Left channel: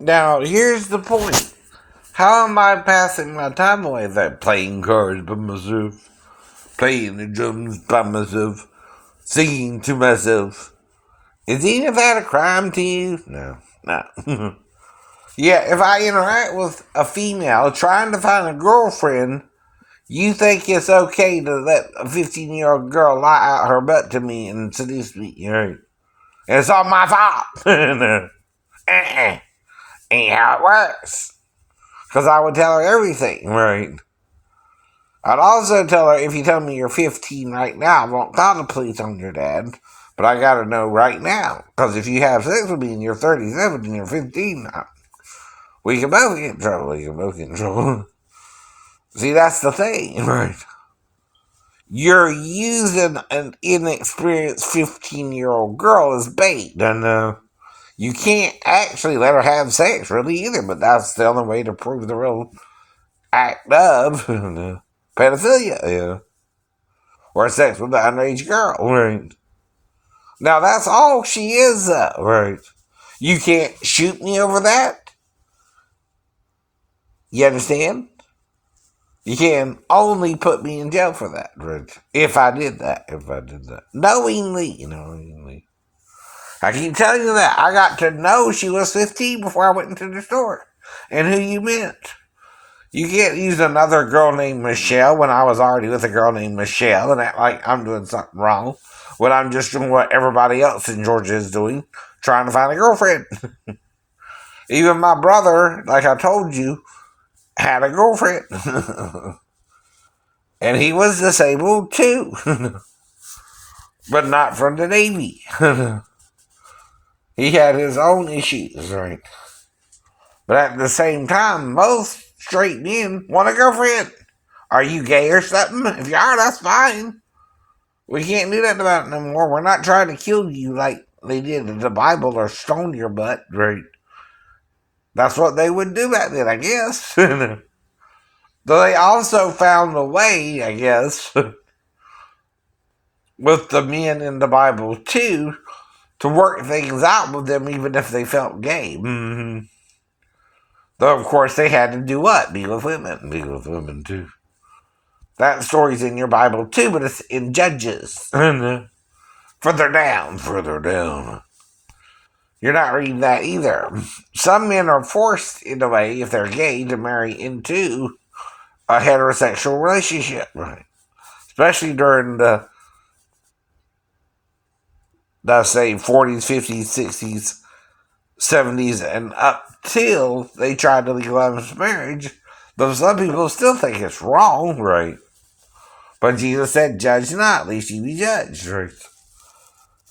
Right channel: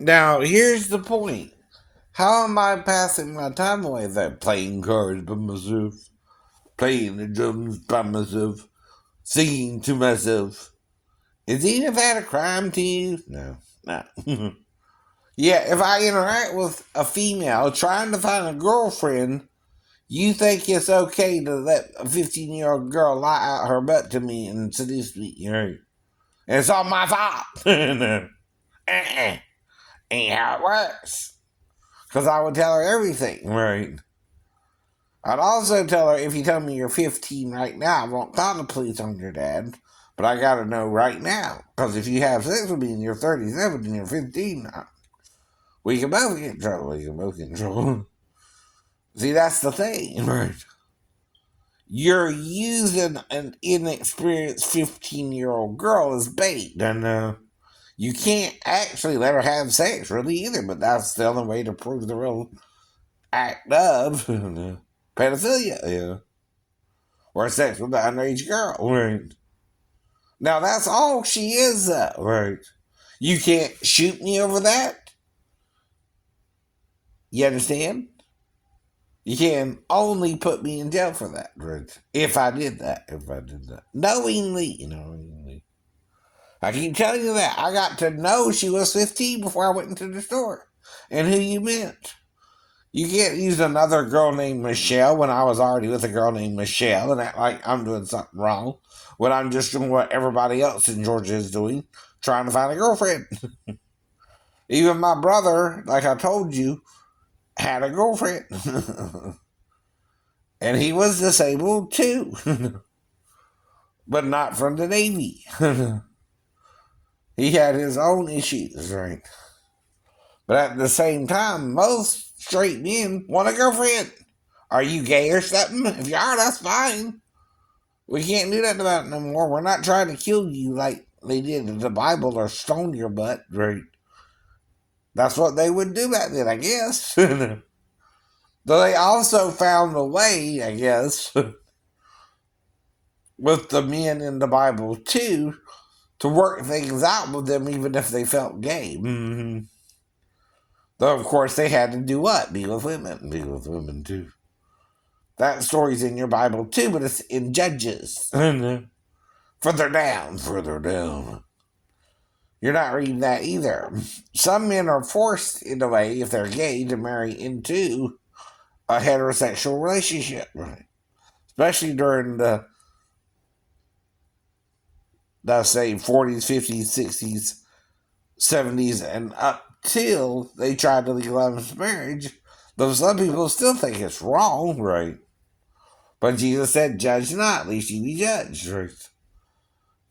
Now, here's the point. How am I passing my time away there? Playing cards by myself, playing the drums by myself, singing to myself. Is any of that a crime to you? No, no. Yeah, if I interact with a female trying to find a girlfriend, you think it's okay to let a 15-year-old girl lie out her butt to me and seduce me, right? It's all my fault. No. Ain't how it works. Because I would tell her everything, right? I'd also tell her, if you tell me you're 15 right now, I won't call the police on your dad. But I gotta know right now. Because if you have sex with me and you're 37 and you're 15 now, we can both get in trouble. We can both get in trouble. See, that's the thing, right? You're using an inexperienced 15-year-old girl as bait, and you can't actually let her have sex, really, either. But that's the only way to prove the real act of pedophilia, yeah. Or sex with an underage girl, right? Now, that's all she is, though, right? You can't shoot me over that. You understand? You can only put me in jail for that, right? If I did that. Knowingly. I keep telling you that. I got to know she was 15 before I went into the store. And who you meant. You can't use another girl named Michelle when I was already with a girl named Michelle and act like I'm doing something wrong when I'm just doing what everybody else in Georgia is doing, trying to find a girlfriend. Even my brother, like I told you, had a girlfriend. And he was disabled too. But not from the Navy. He had his own issues, right? But at the same time, most straight men want a girlfriend. Are you gay or something? If you are, that's fine. We can't do that about it no more. We're not trying to kill you like they did in the Bible or stone your butt, right? That's what they would do back then, I guess. Though they also found a way, I guess, with the men in the Bible too, to work things out with them even if they felt gay. Mm-hmm. Though, of course, they had to do what? Be with women. Be with women, too. That story's in your Bible, too, but it's in Judges. Further down. You're not reading that either. Some men are forced, in a way, if they're gay, to marry into a heterosexual relationship, right? Especially during the say, 40s, 50s, 60s, 70s, and up till they tried to legalize marriage. Though some people still think it's wrong, right? But Jesus said, judge not, lest ye be judged, right?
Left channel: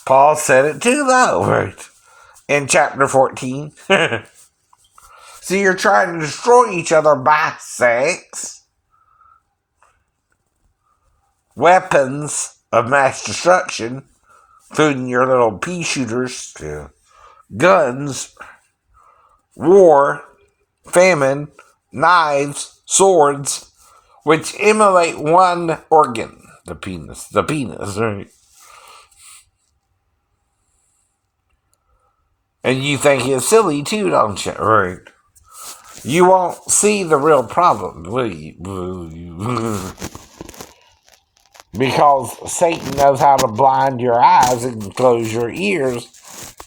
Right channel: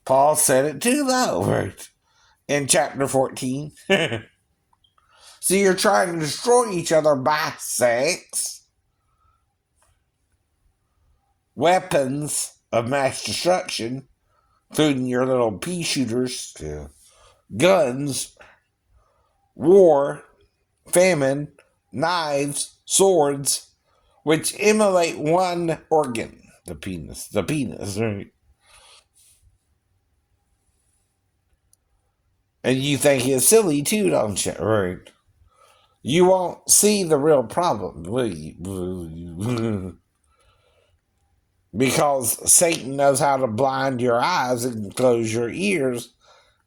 Paul said it too, though, right? In chapter 14. So you're trying to destroy each other by sex. Weapons of mass destruction, including your little pea shooters, guns, war, famine, knives, swords, which emulate one organ, the penis, right? And you think it's silly too, don't you? Right. You won't see the real problem, will you? Because Satan knows how to blind your eyes and close your ears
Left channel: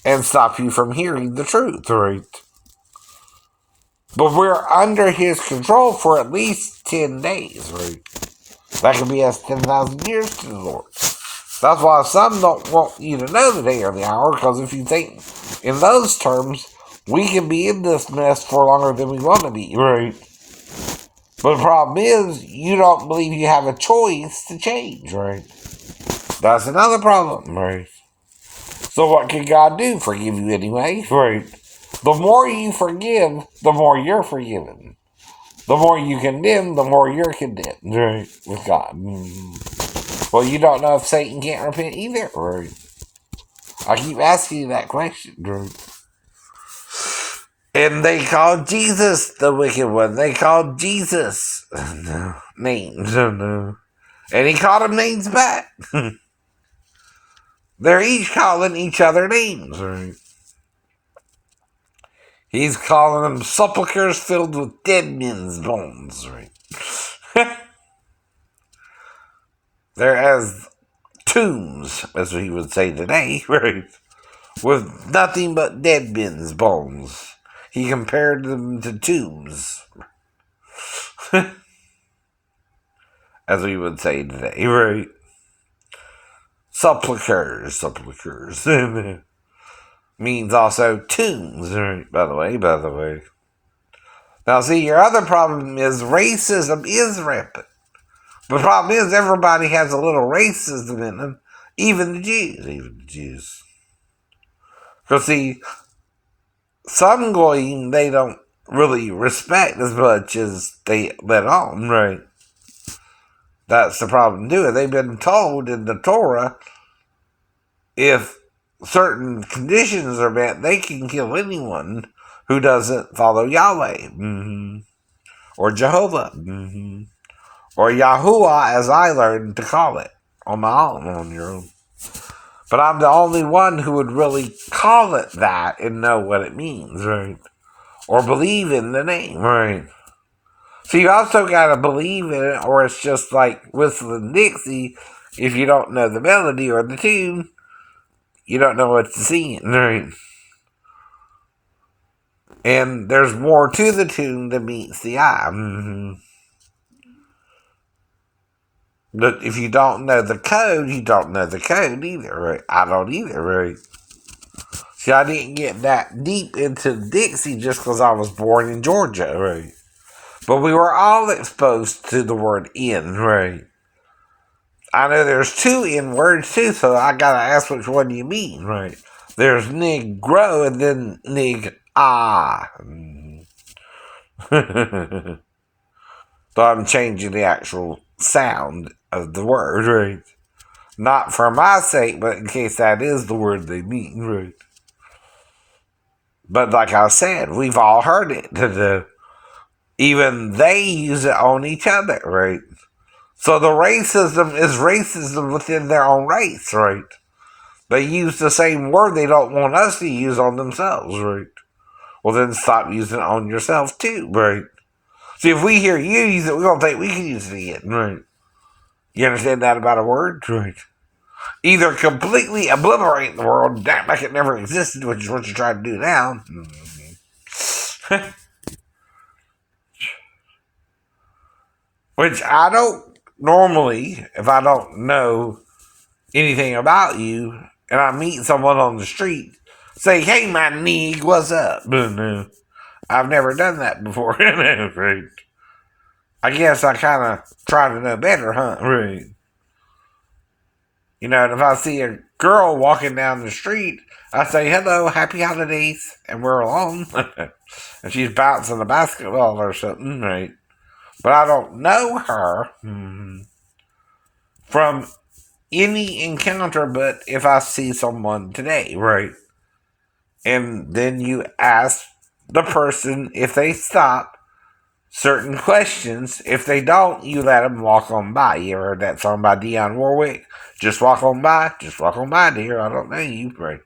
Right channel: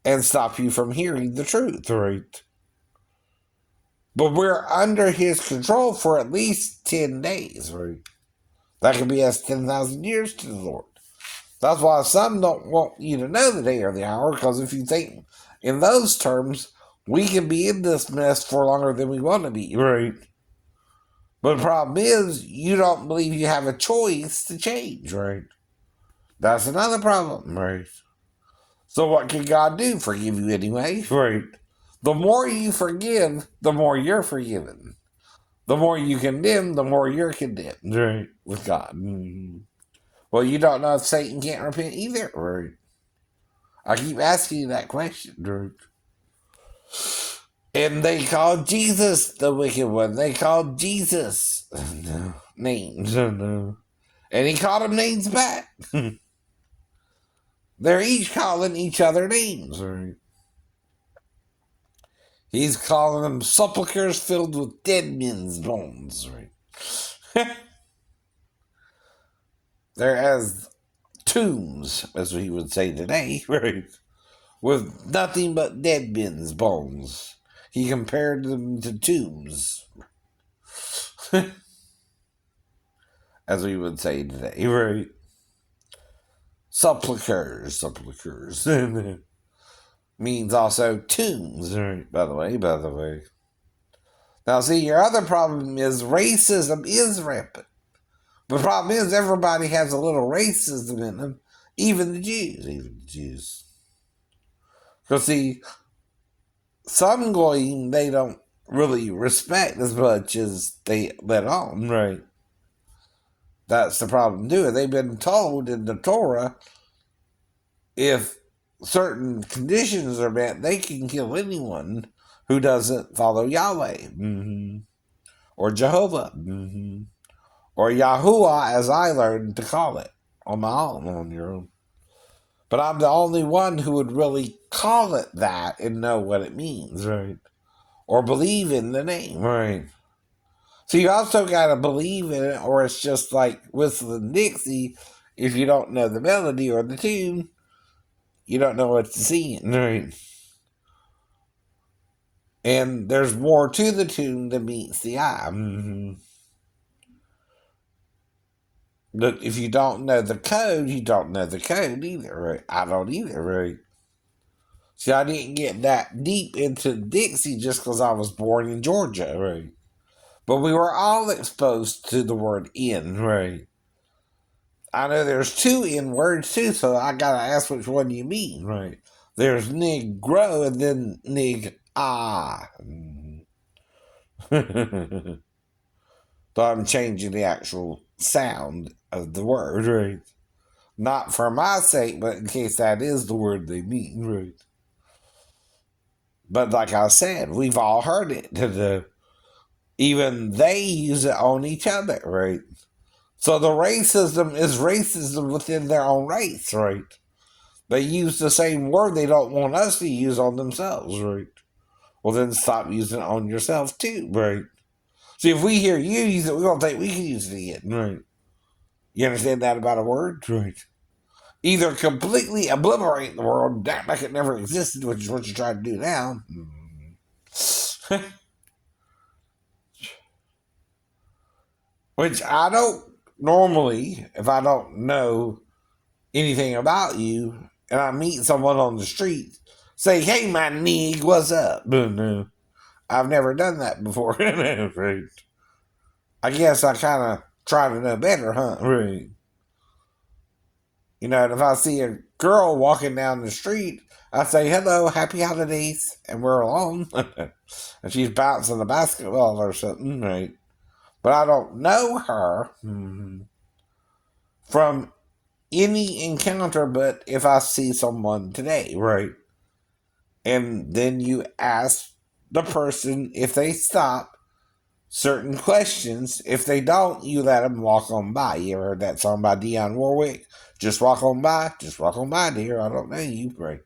and stop you from hearing the truth, right? But we're under his control for at least 10 days, right? That could be as 10,000 years to the Lord. That's why some don't want you to know the day or the hour, because if you think in those terms, we can be in this mess for longer than we want to be, right? But the problem is, you don't believe you have a choice to change, right? That's another problem, right? So what can God do? Forgive you anyway, right? The more you forgive, the more you're forgiven. The more you condemn, the more you're condemned, right? With God. Well, you don't know if Satan can't repent either, right? I keep asking you that question, right? And they called Jesus the wicked one. They called Jesus names. And he called them names back. They're each calling each other names, right? He's calling them sepulchres filled with dead men's bones, right? They're as tombs, as we would say today, right? With nothing but dead men's bones. He compared them to tombs, as we would say today, right? Sepulchres means also tombs, right? By the way. Now, see, your other problem is racism is rampant. The problem is everybody has a little racism in them, even the Jews. Because, see, some goyim they don't really respect as much as they let on, right? That's the problem too. They've been told in the Torah, if certain conditions are met, they can kill anyone who doesn't follow Yahweh, or Jehovah, or Yahuwah, as I learned to call it on my own, on your own. But I'm the only one who would really call it that and know what it means, right? Or believe in the name, right? So you also got to believe in it, or it's just like whistling Dixie. If you don't know the melody or the tune, you don't know what to sing, right? And there's more to the tune than meets the eye. But if you don't know the code, you don't know the code either, right? I don't either, right? See, I didn't get that deep into Dixie just because I was born in Georgia, right? But we were all exposed to the word in, right? I know there's two in words too, so I gotta ask which one you mean, right? There's Negro and then Nig-ah. So I'm changing the actual sound of the word, right? Not for my sake, but in case that is the word they mean, right? But like I said, we've all heard it. Even they use it on each other, right? So the racism is racism within their own race, right? They use the same word they don't want us to use on themselves, right? Well, then stop using it on yourself too, right? See, if we hear you use it, we're going to think we can use it again, right? You understand that about a word? Right. Either completely obliterate the world and act like it never existed, which is what you're trying to do now. Which I don't normally, if I don't know anything about you and I meet someone on the street, say, hey, my nig, what's up? No, I've never done that before. Right. I guess I kind of try to know better, huh? Right. You know, and if I see a girl walking down the street, I say, hello, happy holidays, and we're alone. And she's bouncing a basketball or something, right? But I don't know her from any encounter but if I see someone today, right? And then you ask the person if they stop certain questions. If they don't, you let them walk on by. You ever heard that song by Dionne Warwick? Just walk on by, dear. I don't know you, right?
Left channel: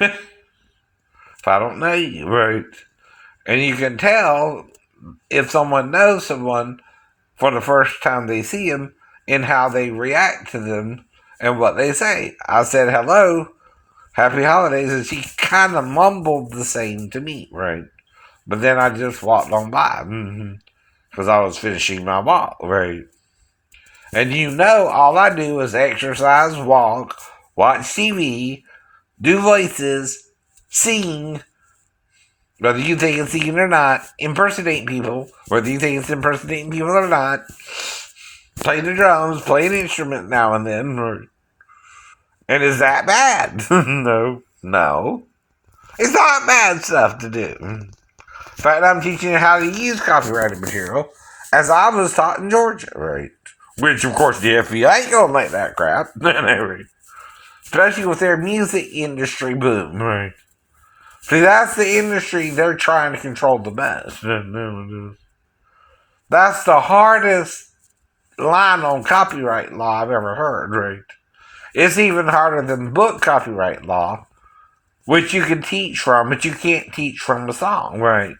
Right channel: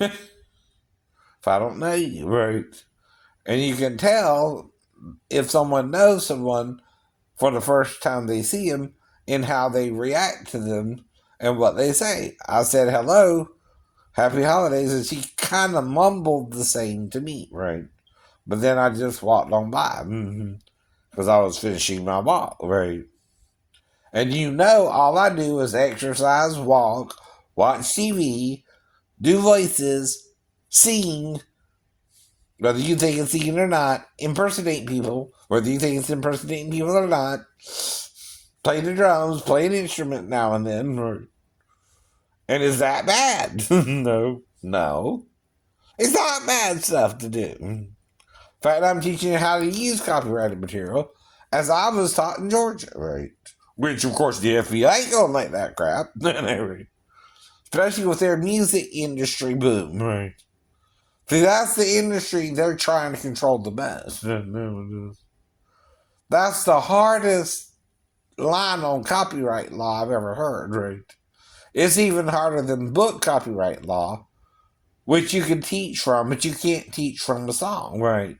If I don't know you, right? And you can tell if someone knows someone for the first time they see them in how they react to them and what they say. I said, hello, happy holidays, and she kind of mumbled the same to me, right? But then I just walked on by because I was finishing my walk, right? And you know, all I do is exercise, walk, watch TV, do voices, sing, whether you think it's singing or not, impersonate people, whether you think it's impersonating people or not, play the drums, play an instrument now and then. And is that bad? No. It's not bad stuff to do. In fact, I'm teaching you how to use copyrighted material as I was taught in Georgia, right? Which, of course, the FBI ain't gonna like that crap. Especially with their music industry boom, right? See, that's the industry they're trying to control the best. That's the hardest line on copyright law I've ever heard, right? It's even harder than book copyright law which you can teach from, but you can't teach from the song, right?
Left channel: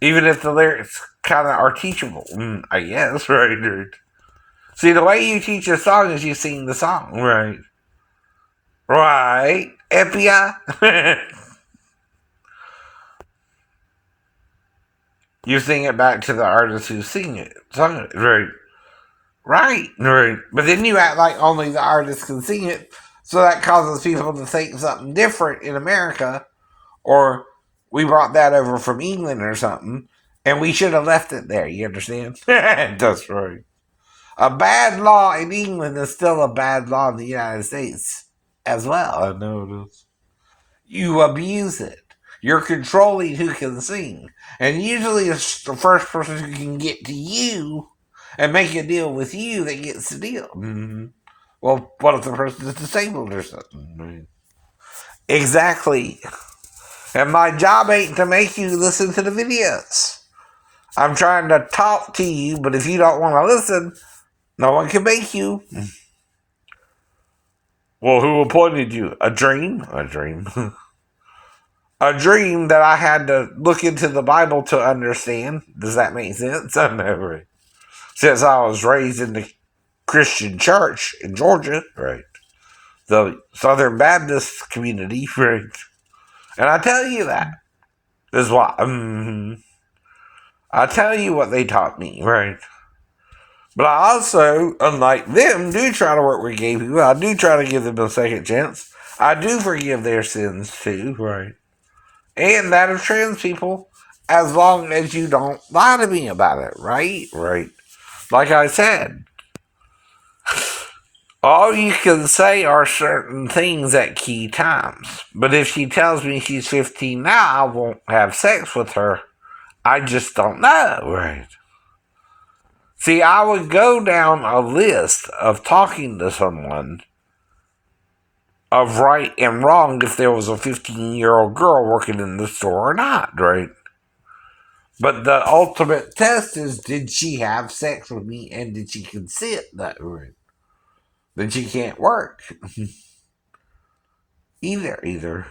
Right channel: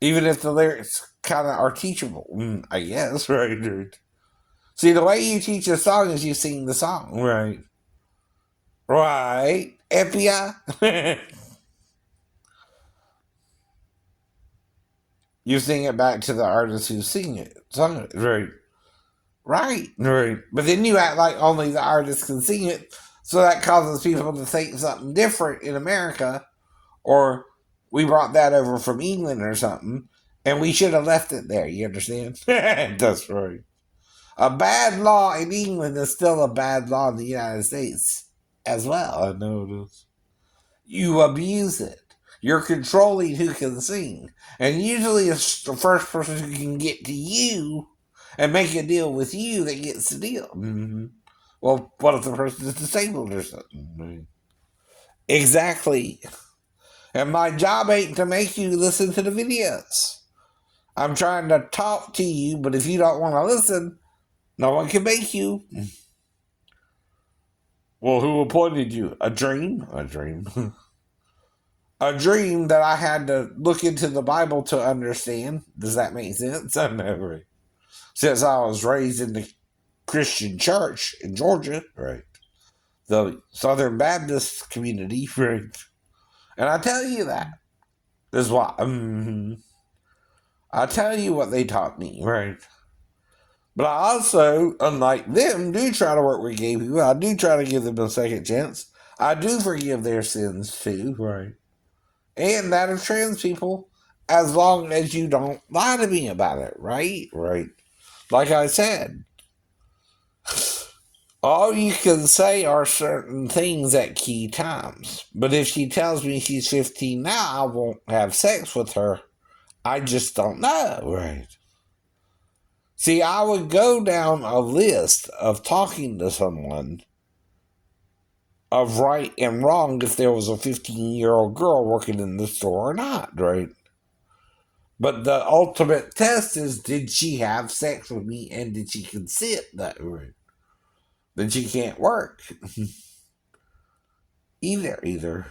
Even if the lyrics kind of are teachable, I guess, right, dude? See, the way you teach a song is you sing the song, right? Right, Epia? You sing it back to the artist who sung it, right? Right, right. But then you act like only the artist can sing it, so that causes people to think something different in America, or we brought that over from England or something, and we should have left it there. You understand? That's right. A bad law in England is still a bad law in the United States as well. I know it is. You abuse it. You're controlling who can sing. And usually it's the first person who can get to you and make a deal with you that gets the deal. Mm-hmm. Well, what if the person is disabled or something? Exactly. And my job ain't to make you listen to the videos. I'm trying to talk to you, but if you don't want to listen, no one can make you. Well, who appointed you? A dream? A dream. A dream that I had to look into the Bible to understand. Does that make sense? I never. Since I was raised in the Christian church in Georgia, right? The Southern Baptist community, right? And I tell you that. This is why. I tell you what they taught me, right? But I also, unlike them, do try to work with gay people. I do try to give them a second chance. I do forgive their sins too, right? And that of trans people, as long as you don't lie to me about it, right? Right. Like I said, all you can say are certain things at key times. But if she tells me she's 15 now, I won't have sex with her. I just don't know, right? See, I would go down a list of talking to someone of right and wrong if there was a 15-year-old girl working in the store or not, right? But the ultimate test is, did she have sex with me and did she consent that right? Then she can't work. Either.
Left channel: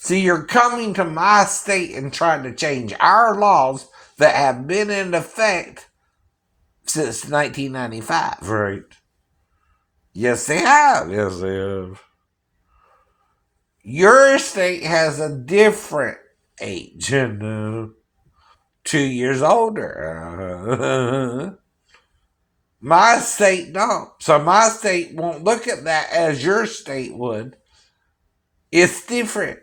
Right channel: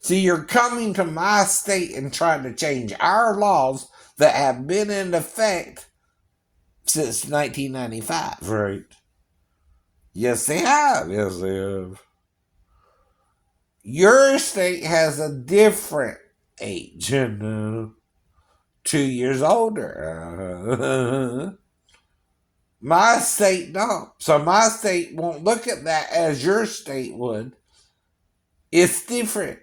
See, you're coming to my state and trying to change our laws that have been in effect since 1995, right? Yes, they have. Yes, they have. Your state has a different age, 2 years older. My state don't. So my state won't look at that as your state would. It's different.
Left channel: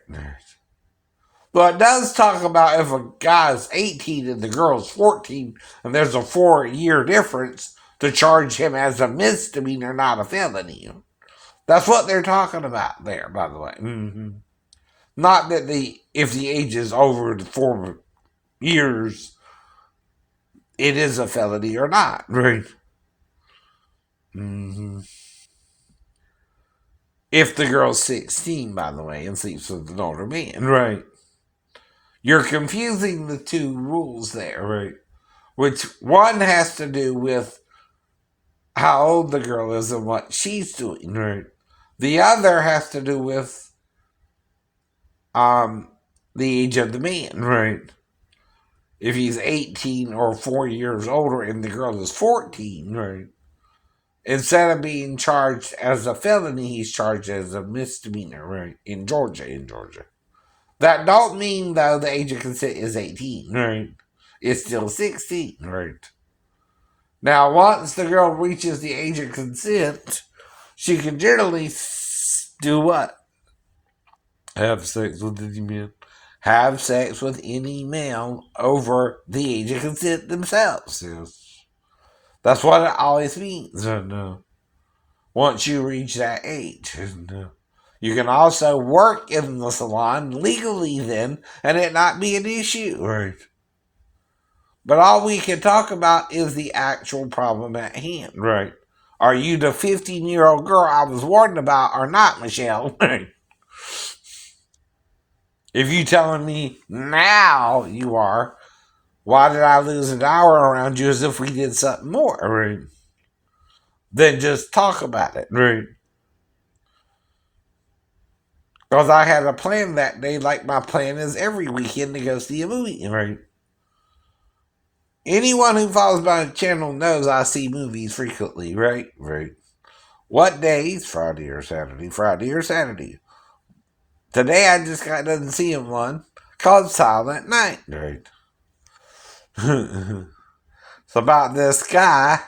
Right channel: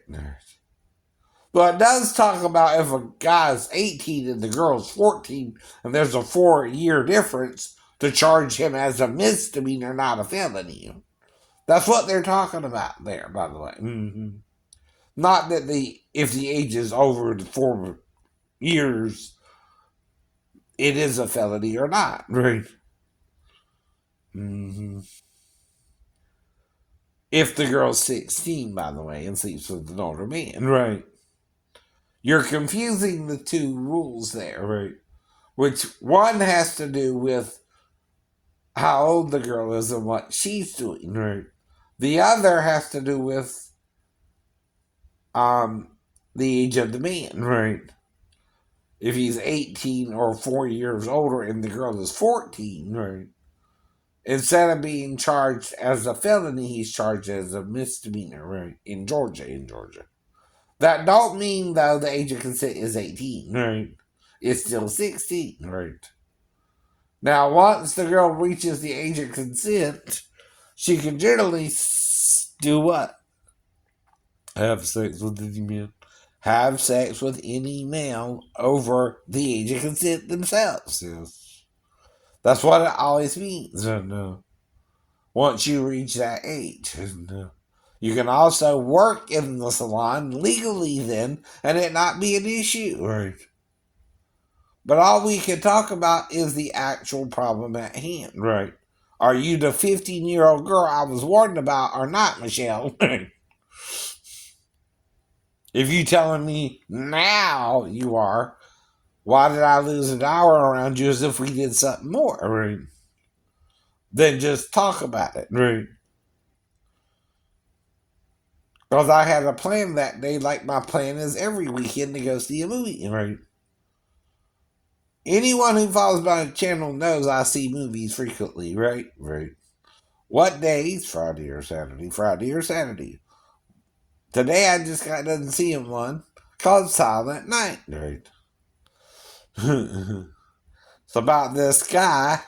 But it does talk about if a guy's 18 and the girl's 14 and there's a 4-year difference, to charge him as a misdemeanor, not a felony. That's what they're talking about there, by the way. Mm-hmm. Not that if the age is over the 4 years, it is a felony or not, right? Mm-hmm. If the girl's 16, by the way, and sleeps with an older man, right? You're confusing the two rules there, right? Which one has to do with how old the girl is and what she's doing, right? The other has to do with the age of the man, right? If he's 18 or 4 years older and the girl is 14, right? Instead of being charged as a felony, he's charged as a misdemeanor, right? In Georgia. That don't mean, though, the age of consent is 18, right? It's still 16, right? Now, once the girl reaches the age of consent, she can generally do what? Have sex with any man. Have sex with any male over the age of consent themselves. Yes. That's what it always means. Once you reach that age. You can also work in the salon legally then, and it not be an issue. Right. But all we can talk about is the actual problem at hand. Right. Are you the 15-year-old girl I was warned about or not, Michelle? If you telling me now you are, why did I lose an hour around you as if we did something more? Right. Then just talk about it. Right. Because I had a plan that day, like my plan is every weekend to go see a movie, right? Anyone who follows my channel knows I see movies frequently, right? Right. What days? Friday or Saturday? Friday or Saturday. Today I just got done seeing one called Silent Night, right? It's about this guy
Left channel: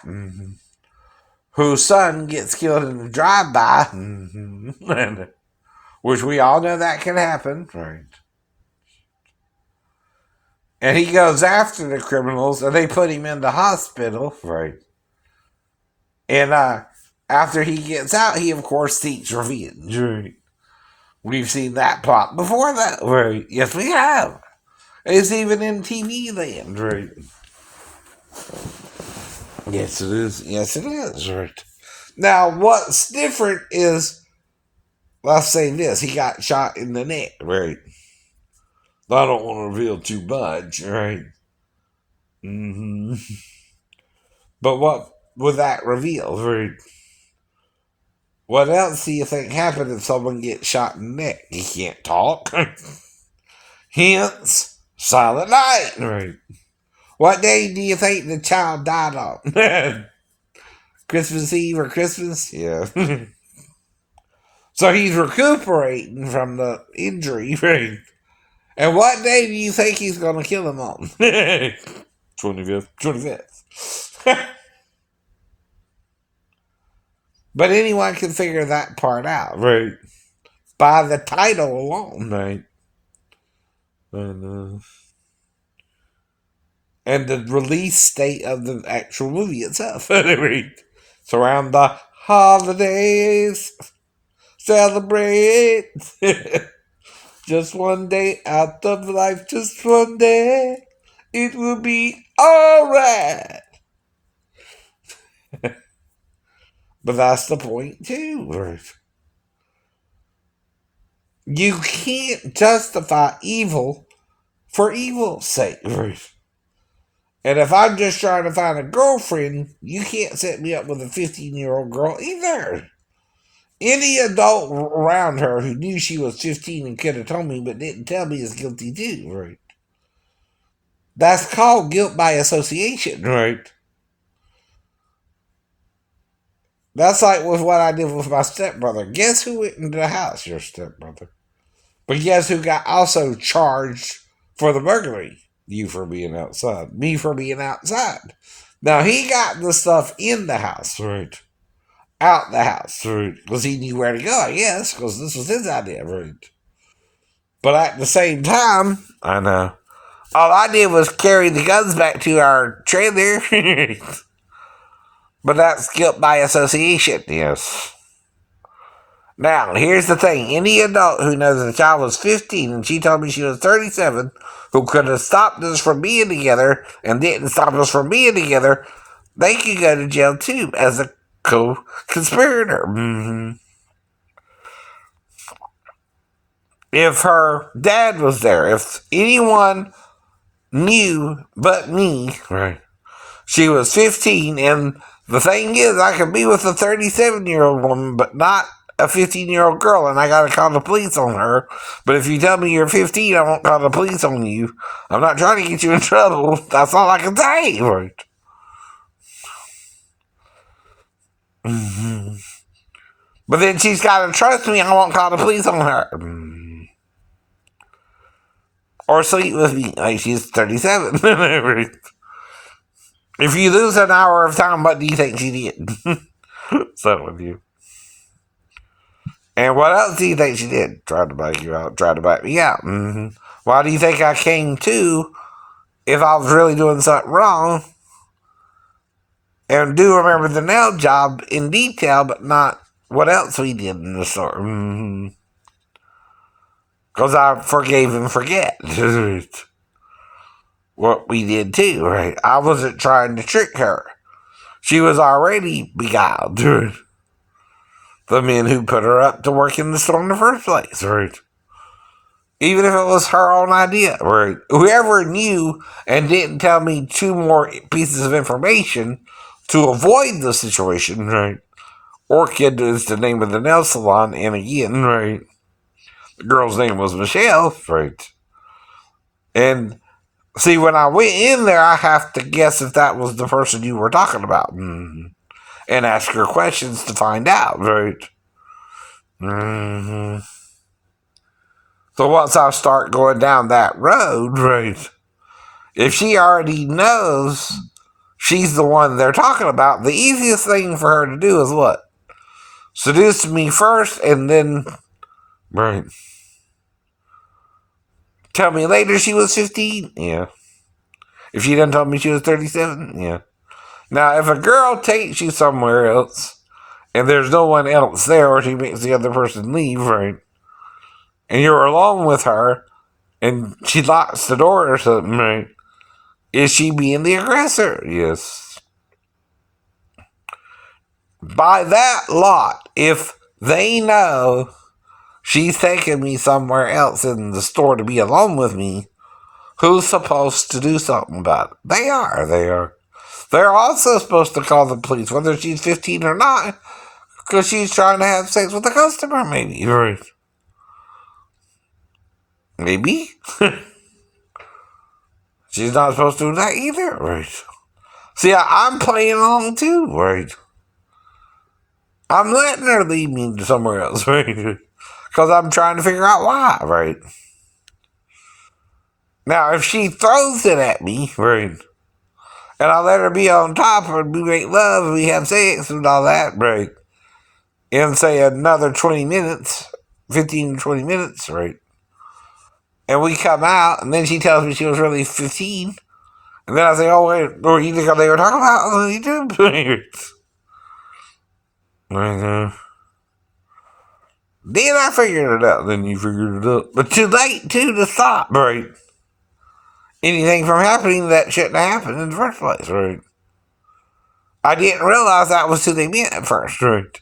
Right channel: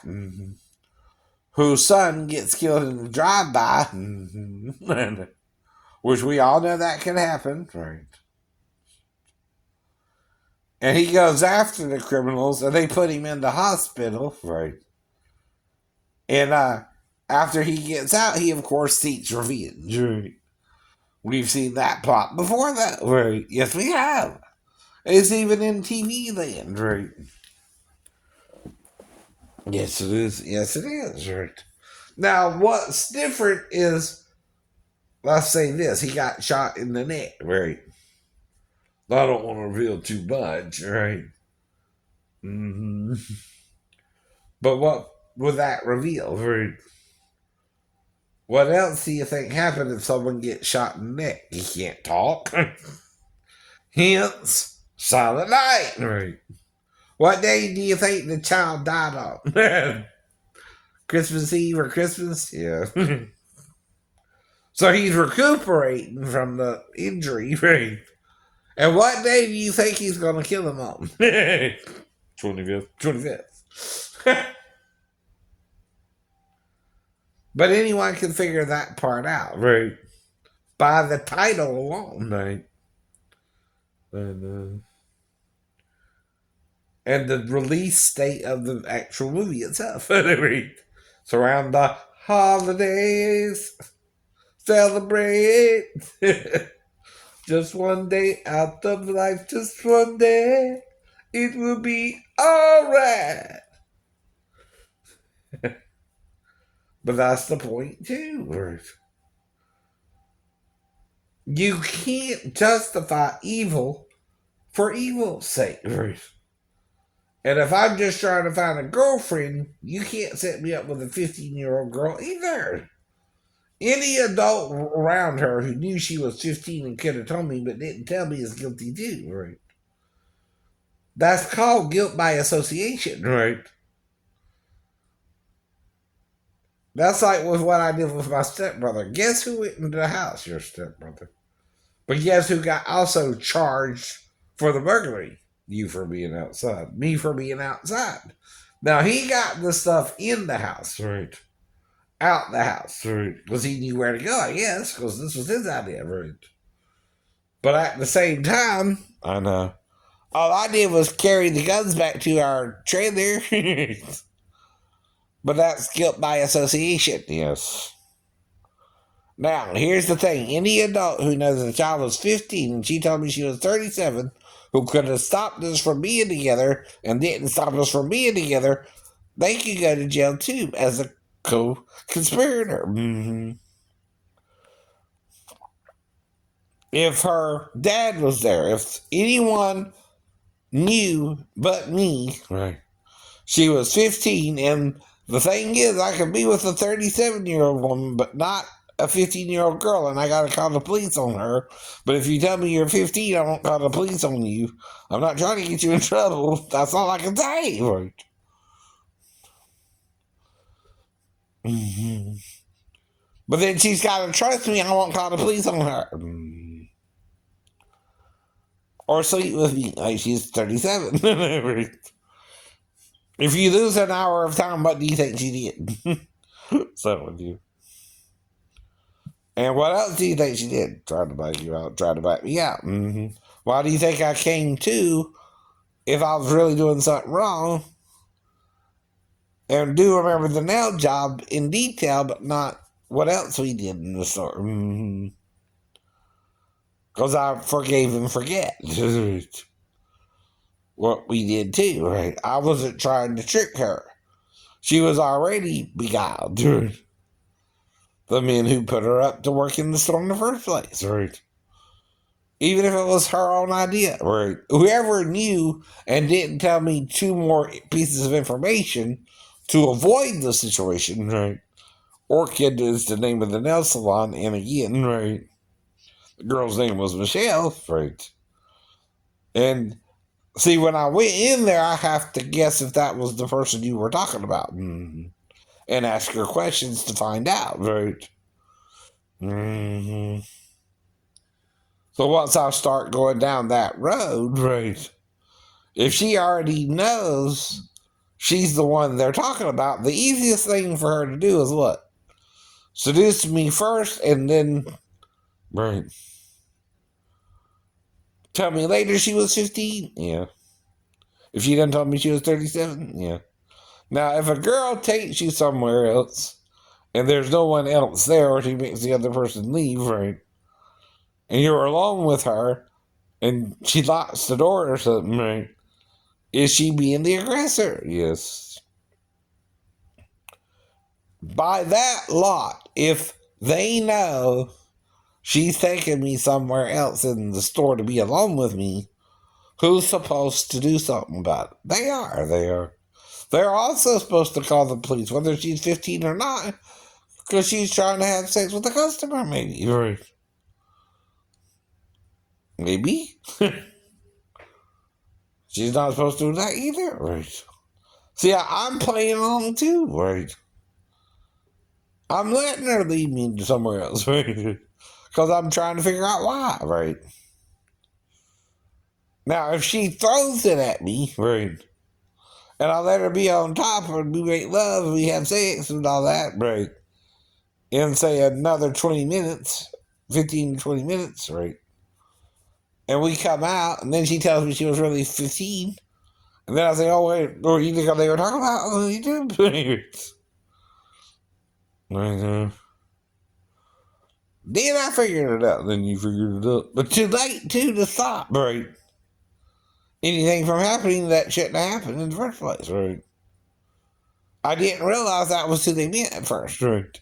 whose son gets killed in a drive-by, which we all know that can happen, right? And he goes after the criminals, and they put him in the hospital, right? And after he gets out, he of course seeks revenge, right? We've seen that plot before, that, right? Yes, we have. It's even in TV land, right? Yes, it is. Yes, it is, right? Now, what's different is, let's say this: he got shot in the neck, right? I don't want to reveal too much, right? But what would that reveal, right? What else do you think happened if someone gets shot in the neck? He can't talk. Hence, Silent Night, right? What day do you think the child died on? Christmas Eve or Christmas? Yeah. So he's recuperating from the injury, right? And what day do you think he's going to kill him on? 25th. 25th. But anyone can figure that part out, right? By the title alone, right? And the release date of the actual movie itself. It's around the holidays. Celebrate. Just one day out of life, just one day. It will be alright. But that's the point too, right? You can't justify evil for evil's sake, right? And if I'm just trying to find a girlfriend, you can't set me up with a 15-year-old girl either. Any adult around her who knew she was 15 and could have told me but didn't tell me is guilty too, right? That's called guilt by association, right? That's like with what I did with my stepbrother. Guess who went into the house? Your stepbrother. But guess who got also charged for the burglary? You for being outside. Me for being outside. Now, he got the stuff in the house, right? Out the house, right? Because he knew where to go, I guess, because this was his idea, right? But at the same time, I know, all I did was carry the guns back to our trailer. But that's guilt by association, yes. Now, here's the thing. Any adult who knows that the child was 15 and she told me she was 37, who could have stopped us from being together and didn't stop us from being together, they could go to jail too as a co-conspirator. If her dad was there, if anyone knew but me, right? She was 15, and the thing is, I could be with a 37-year-old woman, but not a 15-year-old girl, and I gotta call the police on her. But if you tell me you're 15, I won't call the police on you. I'm not trying to get you in trouble. That's all I can say, right? But then she's gotta trust me. I won't call the police on her. Or sleep with me. Like, she's 37. If you lose an hour of time, what do you think she did? So with you. And what else do you think she did? Tried to bite you out, tried to bite me out. Why do you think I came to if I was really doing something wrong? And do remember the nail job in detail, but not what else we did in the store. Because I forgave and forget what we did too, right? I wasn't trying to trick her. She was already beguiled, dude. The men who put her up to work in the store in the first place, right? Even if it was her own idea, right? Whoever knew and didn't tell me 2 more pieces of information to avoid the situation, right? Orchid is the name of the nail salon, and again, right? The girl's name was Michelle, right? And see, when I went in there, I have to guess if that was the person you were talking about. And ask her questions to find out, right? So once I start going down that road, right, if she already knows she's the one they're talking about, the easiest thing for her to do is what? Seduce me first and then, right, tell me later she was 15? Yeah. If she done told me she was 37? Yeah. Now, if a girl takes you somewhere else and there's no one else there, or she makes the other person leave, right, and you're alone with her and she locks the door or something, right, is she being the aggressor? Yes. By that lot, if they know she's taking me somewhere else in the store to be alone with me, who's supposed to do something about it? They are. They're also supposed to call the police, whether she's 15 or not, because she's trying to have sex with a customer, maybe. Right. Maybe. She's not supposed to do that either. Right. See, I'm playing along too. Right. I'm letting her lead me to somewhere else. Right. Because I'm trying to figure out why. Right. Now, if she throws it at me, right, and I let her be on top and we make love and we have sex and all that, right, in, say, another 20 minutes, 15 to 20 minutes, right, and we come out and then she tells me she was really 15, and then I say, oh, wait, or you think they were talking about on YouTube? Then I figured it out. Then you figured it out. But too late, too, to stop, right? Anything from happening that shouldn't have happened in the first place, right? I didn't realize that was who they meant at first, right?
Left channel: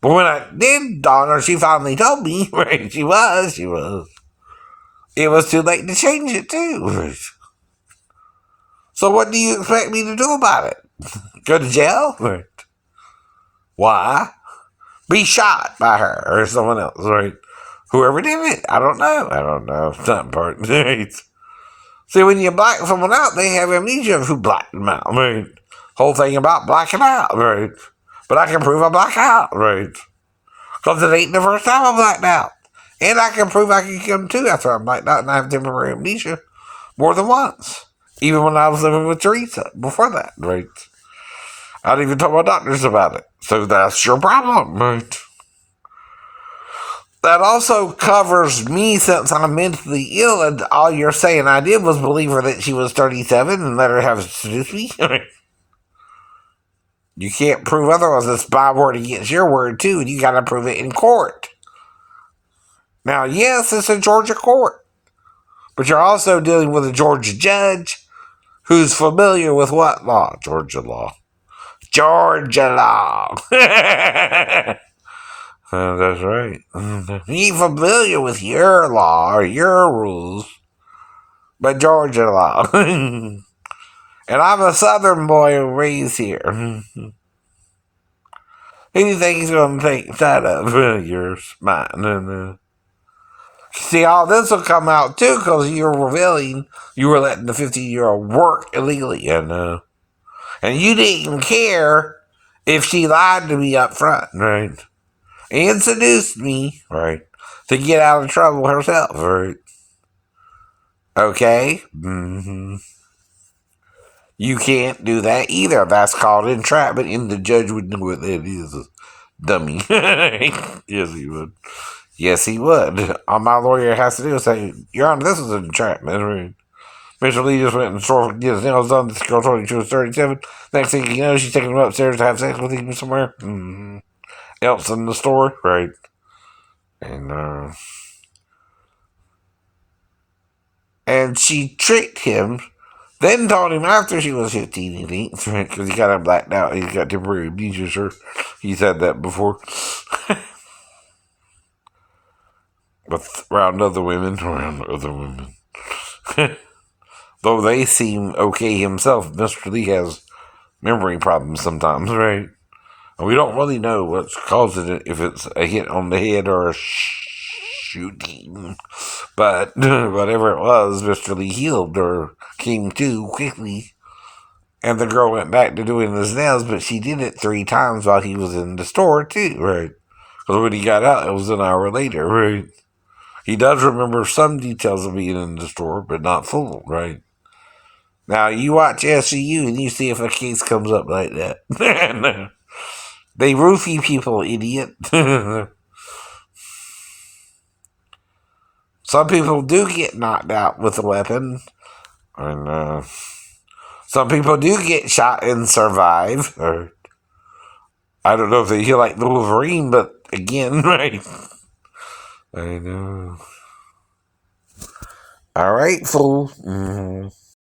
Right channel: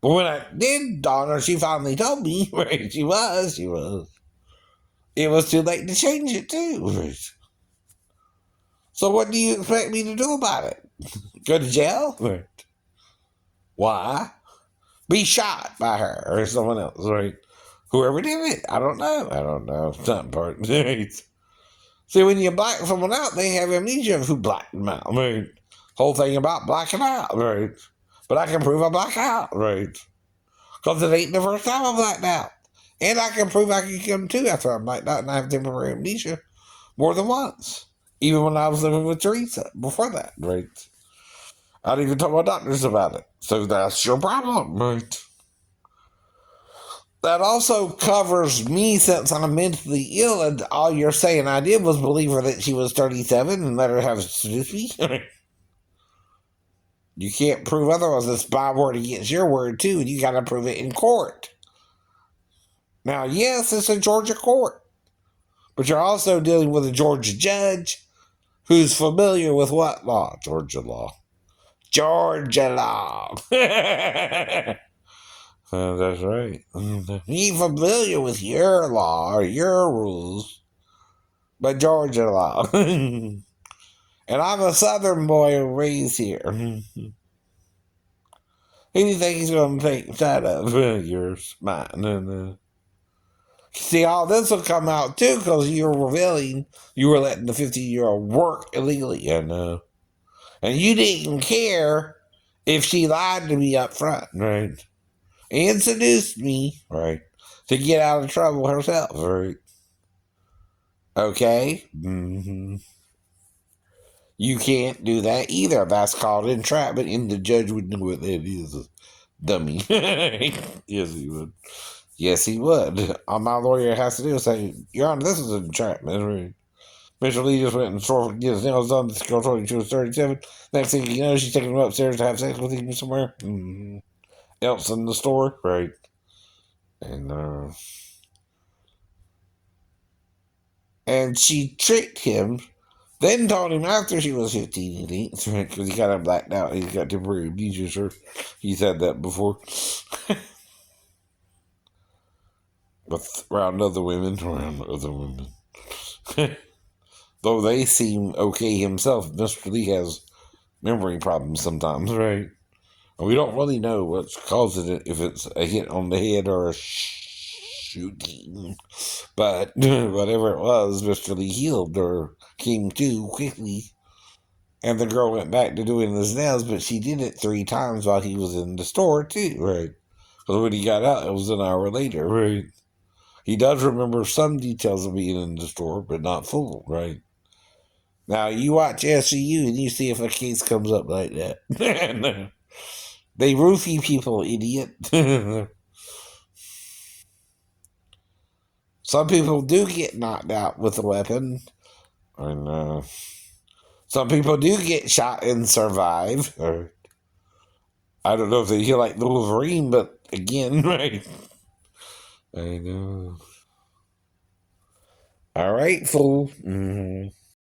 But when I did dawn her, she finally told me, right? She was. It was too late to change it, too, right? So what do you expect me to do about it? Go to jail? Right? Why? Be shot by her or someone else, right? Whoever did it, I don't know. It's not important, right? See, when you black someone out, they have amnesia of who blacked them out, right? Whole thing about blacking out, right? But I can prove I blacked out, right? Because it ain't the first time I blacked out. And I can prove I can come to after I blacked out and I have temporary amnesia more than once. Even when I was living with Teresa before that, right? I'd even told my doctors about it. So that's your problem, right? That also covers me since I'm mentally ill, and all you're saying I did was believe her that she was 37 and let her have seduced me. You can't prove otherwise. It's my word against your word, too, and you got to prove it in court. Now, yes, it's a Georgia court, but you're also dealing with a Georgia judge who's familiar with what law? Georgia law. Georgia law. That's right. He's familiar with your law or your rules, but Georgia law. And I'm a Southern boy raised here. Who do you think he's going to take side of? Yours, mine. See, all this will come out too because you're revealing you were letting the 15-year-old work illegally, and you didn't care if she lied to me up front, right? And seduced me, right, to get out of trouble herself, right? Okay? You can't do that either. That's called entrapment, and the judge would know what that is, dummy. Yes, he would. Yes, he would. All my lawyer has to do is say, Your Honor, this is an entrapment, right? Mr. Lee just went and store get his nails done. This girl told him she was 37. Next thing you know, she's taking him upstairs to have sex with him somewhere. Else in the store, right? And she tricked him, then told him after she was 15, he thinks, right? Because he kind of blacked out. He's got temporary amnesia, sure. He said that before. But around other women. Though they seem okay himself, Mr. Lee has memory problems sometimes, right? We don't really know what's causing it, if it's a hit on the head or a shooting. But whatever it was, Mr. Lee healed or came to quickly. And the girl went back to doing his nails, but she did it 3 times while he was in the store, too, right? Because when he got out, it was an hour later, right? He does remember some details of being in the store, but not full, right? Now, you watch SCU and you see if a case comes up like that. They roofie people, idiot. Some people do get knocked out with a weapon. And some people do get shot and survive. Or I don't know if they heal like the Wolverine, but again, right? I know. All right, fool. Mm-hmm.